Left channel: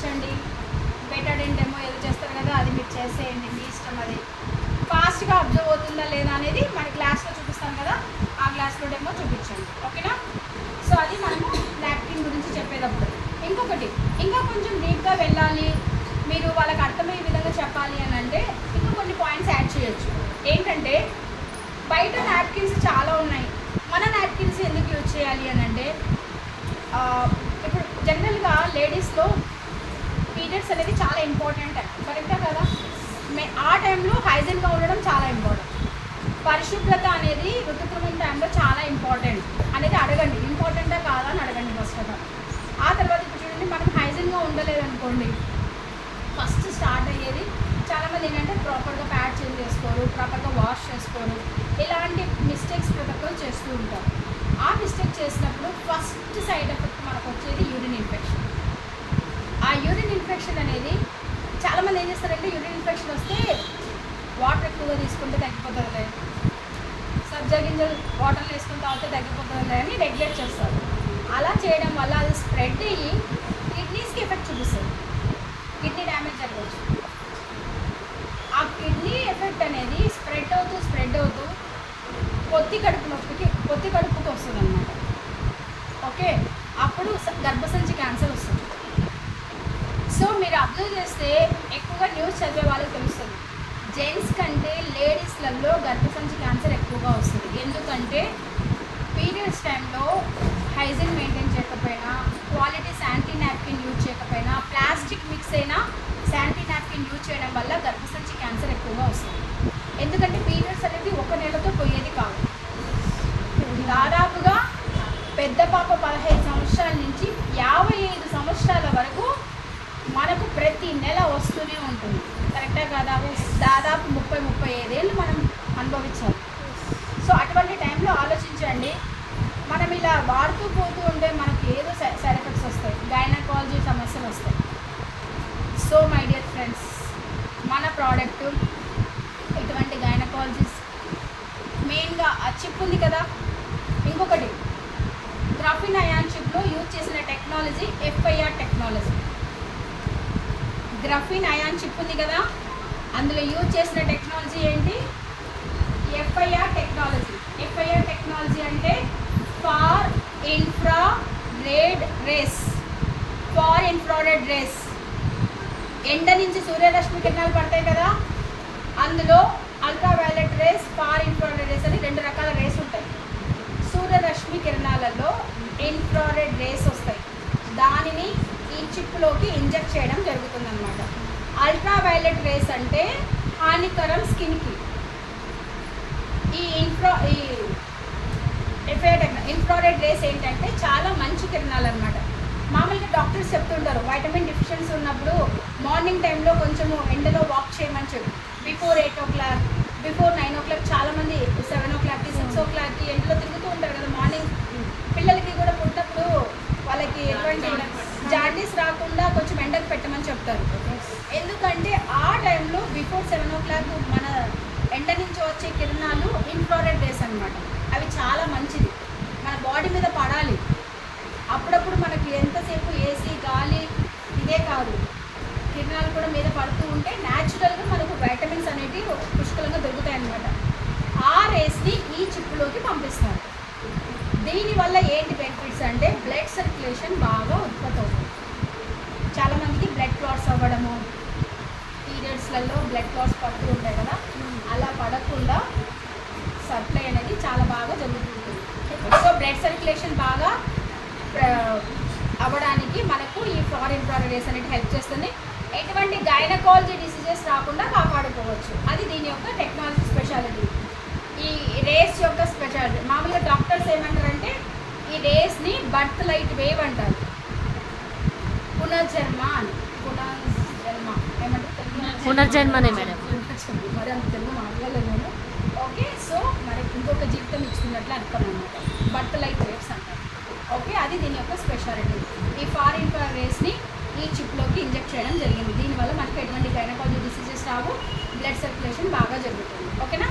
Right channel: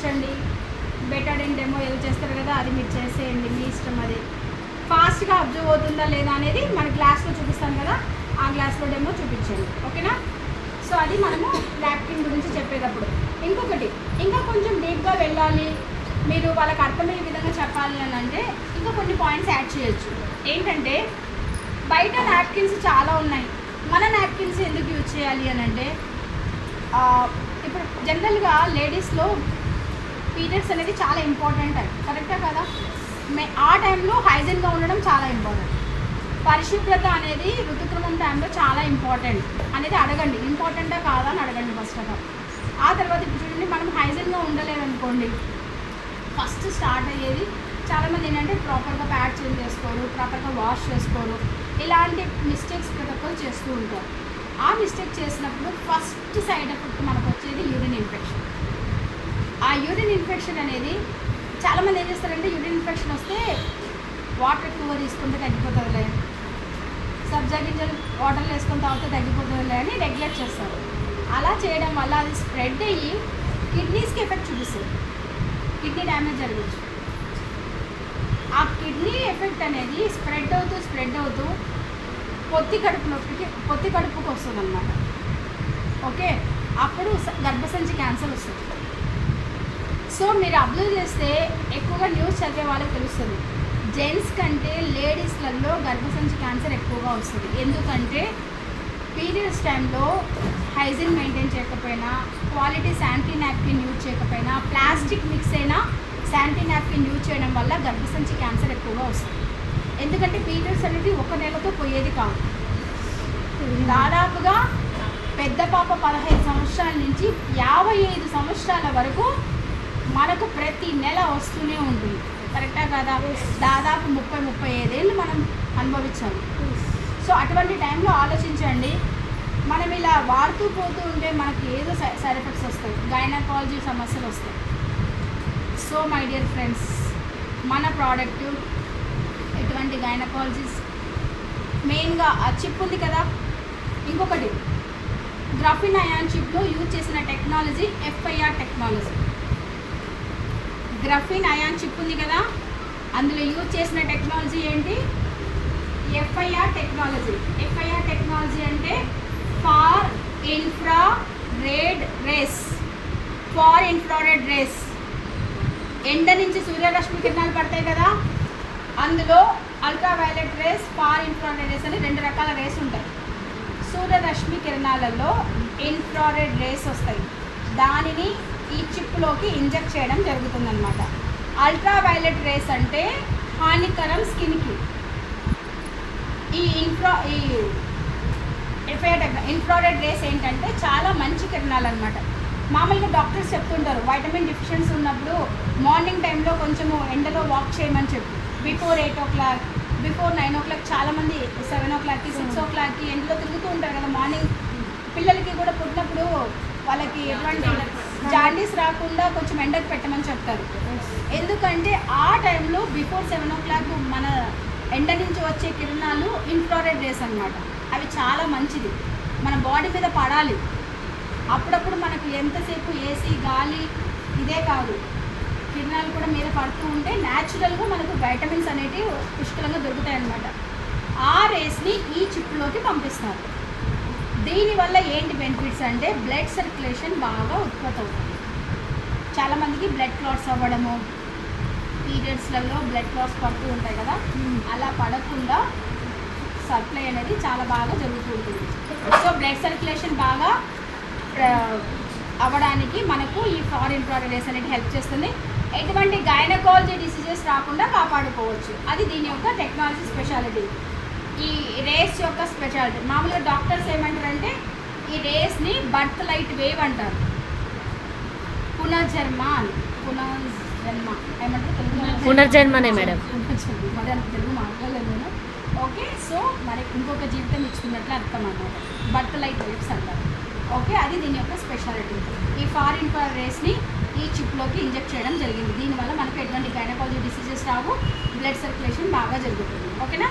చూపించండి, Betadine demo ఏదో చేస్తారు కదా అది మీరు చేసేయండి, మీ ఇష్టం. అది ఫాస్ట్గా అబ్జర్వ్ అవుతుందా లేదా అనేది మన క్లాస్లో చూపిస్తాం కదా, ఆ క్లాస్లో డెమో చూపించండి. ఓకేనా? సో అది మనము లాక్టిన్ గురించి చెప్పేటప్పుడు. ఇంకొకటి ఇంకా కొంచెం డీప్గా వెళ్ళాలి, మీరు వాళ్ళకి అర్థమయ్యే విధంగా చెప్పాలి అని అంటే ఇంకా కొన్ని పాయింట్స్ యాడ్ చేయొచ్చు. ఏంటంటే బయట నాప్కిన్స్ చాలా ఉన్నాయి, మన నాప్కిన్స్ ఎందుకు యూజ్ చేయాలి అని అంటే ఇప్పుడు జనరల్గా లేడీస్లో పీరియడ్స్ అనేది చాలా ఇంపార్టెంట్ అండి, కరెక్టా కదా? ఆ టైంలో హైజీన్గా ఉండడం చాలా ఇంపార్టెంట్. పరిశుభ్రత అనేది ఋతుక్రమం టైంలో చాలా ఇంపార్టెంట్ అనేది అడగండి, ఇంపార్టెంటా కాదా అని అడగండి ఫస్ట్ ఆఫ్ ఆల్. ఆ తర్వాత ఇప్పుడు చూడండి, మనం హైజీన్గా ఉండలేదు అనుకోండి, ఫస్ట్ స్టార్ట్ అయ్యేది చాలామంది ఏంటంటే ప్రాపర్గా ప్యాడ్ చేంజ్ చేసుకోరు, ప్రాపర్గా వాష్ చేసుకోరు, ఇలాంటి మిస్టేక్స్ ప్రతి ఒక్కరు చేస్తూ ఉంటారు. ఆ మిస్టేక్ చేసినప్పుడు ఫస్ట్ సైడ్ ఎఫెక్ట్ మనకు వచ్చేది యూరిన్ ఇన్ఫెక్షన్. ఆ యూరిన్ ఇన్ఫెక్షన్ అనేది చాలామంది ఏం చేస్తారంటే యూరిన్ ఇన్ఫెక్షన్ వస్తే వాటర్ ఎక్కువగా తీసుకుంటే తగ్గిపోతుంది, సబ్జా గింజలు వాటర్లో వేసుకొని తాగితే తగ్గిపోతుంది అని రెగ్యులేట్ చేస్తారు. అలా చేయడం వల్ల అది స్ప్రెడ్ అయ్యి కిడ్నీస్కి ఎఫెక్ట్ చూపిస్తుంది, కిడ్నీ డ్యామేజ్ జరగచ్చు. ఆ కిడ్నీ ఎఫెక్ట్ అనేది స్ప్రెడ్ అవుతూ పొత్తి కడుపుకు వస్తుంది అన్నమాట. ఓకే, అప్పుడు గర్భసంచి క్యాన్సర్ వస్తుంది. సో మీరు అబ్జర్వ్ చేస్తే ఎక్కువగా న్యూస్ చదివే వాళ్ళకి తెలుస్తుంది, జెంట్స్ కంటే లేడీస్లలో గర్భసంచి క్యాన్సర్ ఎక్కువగా వస్తుంది. ఎందుకంటే పీరియడ్స్ టైంలో హైజీన్ మెయింటైన్ చేయకపోయినా, క్వాలిటీ శానిటరీ నాప్కిన్ యూజ్ చేయకపోయినా, ప్లాస్టిక్ మిక్స్ అయినా శానిటరీ నాప్కిన్ యూజ్ చేయడం వల్ల గర్భసంచి క్యాన్సర్ ఎక్కువగా వస్తుంది. ఎందుకంటే పీరియడ్స్ అనేది ఒక నెలతో పోయేది కాదు, దాదాపుగా పెద్ద పాప 15 సంవత్సరాల నుంచి 55 సంవత్సరాల వరకు మనకు ప్రతి నెల వస్తూనే ఉంటుంది, కరెక్టా కదా? దాదాపు 30-35 ఏళ్ళు మనం అనుభవించాలి. సో అటువంటి టైంలో ఆలోచించండి, మనం ఇలా వాడుతూ పోతూ ఉంటే మనకు ఏదో సైడ్ ఎఫెక్ట్స్ వస్తాయి, గైనకాలజీ సమస్యలు వస్తాయి. సో మై డియర్ ఫ్రెండ్స్, మన ప్రోడక్ట్ ఇటువంటి గైనకాలజీస్ మెయిన్గా ఆ చిప్ ఉంది కదా, ఇంకొకటి గ్రాఫిన్ అయాన్ చిప్లో యూజ్ చేసిన technology FIR technology. Graphene ion chip ఉంది కదా, అందులో యూజ్ చేసిన టెక్నాలజీ ఏంటి? FIR technology. FIR టెక్నాలజీ అంటే ఫార్ ఇన్ఫ్రారెడ్ రేస్. ఎండ నుంచి సూర్యరశ్మి కిరణాలు పడతాయి కదా, అందులో ultraviolet rays, far infrared rays అని 2 రకాల రేస్ ఉంటాయి. సూర్యరశ్మి కిరణాలలో ఇన్ఫ్రారెడ్ రేస్ వస్తాయి, దానిని ఈ చిప్లోకి ఇంజెక్ట్ చేయడం జరుగుతుందన్నమాట. అల్ట్రావైలెట్ రేస్ అంటే హానికరం స్కిన్కి. ఈ ఇన్ఫ్రారెడ్ రేస్ ఏంటంటే చాలా మంచి కిరణాలు అనమాట. మామూలుగా డాక్టర్స్ చెప్తుంటారు వైటమిన్ డిఫిషియన్సీ ఉన్నప్పుడు మార్నింగ్ టైంలో కొంచెము ఎండలో వాక్ చేయమని చెప్పి, బిఫోర్ 8 o'clock, బిఫోర్ 9 o'clock, చాలామంది 7 o'clockకి 6 o'clockకి ఎండలో తిరుగుతూ ఉంటారు కదా మార్నింగ్. పిల్లలకి కూడా పుట్టినప్పుడు వాళ్ళకి ఎటువంటి జాండీస్ రాకుండా కొంచెం ఎండకు పెట్టమని చెప్తారు. ఎందుకంటే ఆ టైంలో బిఫోర్ 7 o'clock మన ఎండ నుంచి వచ్చే కిరణాలు ఇన్ఫ్రారెడ్ రేస్ అన్నమాట. అవి చాలా మంచిది, మన బాడీ మీద పడాలి. అప్పుడప్పుడు మనకి ఎంతసేపు ఏసీ గాలి ఇదే కాదు, కిరణాలు కూడా మీద పడుతూ ఉంటే న్యాచురల్గా మనకు వైటమిన్స్ అనేవి పుష్కలంగా దొరుకుతాయి అన్నమాట. ఆ రేస్ని ఈ చిప్లోకి పంపిస్తారు. దీనివల్ల ఏంటి బెనిఫిట్స్ అంటే బ్లడ్ సర్క్యులేషన్ బాగా ఉత్పత్తి అవుతుంది. చాలామందికి బ్లడ్ క్లాట్స్ అవ్వడము, పీరియడ్స్లలో బ్లడ్ క్లాట్స్ పడుతూ ఉంటాయి కదా, అలా పడకుండా సప్లై అనేది చాలా బాగా జరుగుతూ ఉంటుంది. సో బ్లడ్ సర్క్యులేషన్ బాగా అవ్వడానికి మనకు ఈ ఫార్ ఇన్ఫ్రారెడ్ రేస్ అనేది హెల్ప్ చేస్తుంది. ఎటువంటి గైనకాలజీ డిసీజెస్ రాకుండా కాపాడుకోవచ్చు. అది దీని యొక్క టెక్నాలజీ స్పెషాలిటీ, ఈ రేస్ యొక్క స్పెషాలిటీ. మామూలుగా డాక్టర్స్ ఏమంటారంటే ఈ రేస్ని బర్త్ లైట్ వేవ్ అంటారు, పునర్జన్మ అని. ఏమంటారు తెలుగు? పునర్జన్మనే మేడం. మరి అంత తెలుగు మాట్లాడలేదు నేను. ఓకే, సో మరి ఇంకొక జీవితం ఇచ్చుకున్నట్లు అర్థం అన్నమాట, బర్త్ లైట్ వేవ్స్ అంటారు. ఓకే, అది దీని యొక్క స్పెషాలిటీ. ఈ ఫార్ ఇన్ఫ్రారెడ్ రేస్ని ఈ చిప్లోకి ఇంజెక్ట్ చేయడం జరిగింది. దీనివల్ల మనకు ఎటువంటి గైనకాలజీ డిసీజెస్ రావు, బ్లడ్ సర్క్యులేషన్ బాగా జరుగుతుంది. ఓకేనా?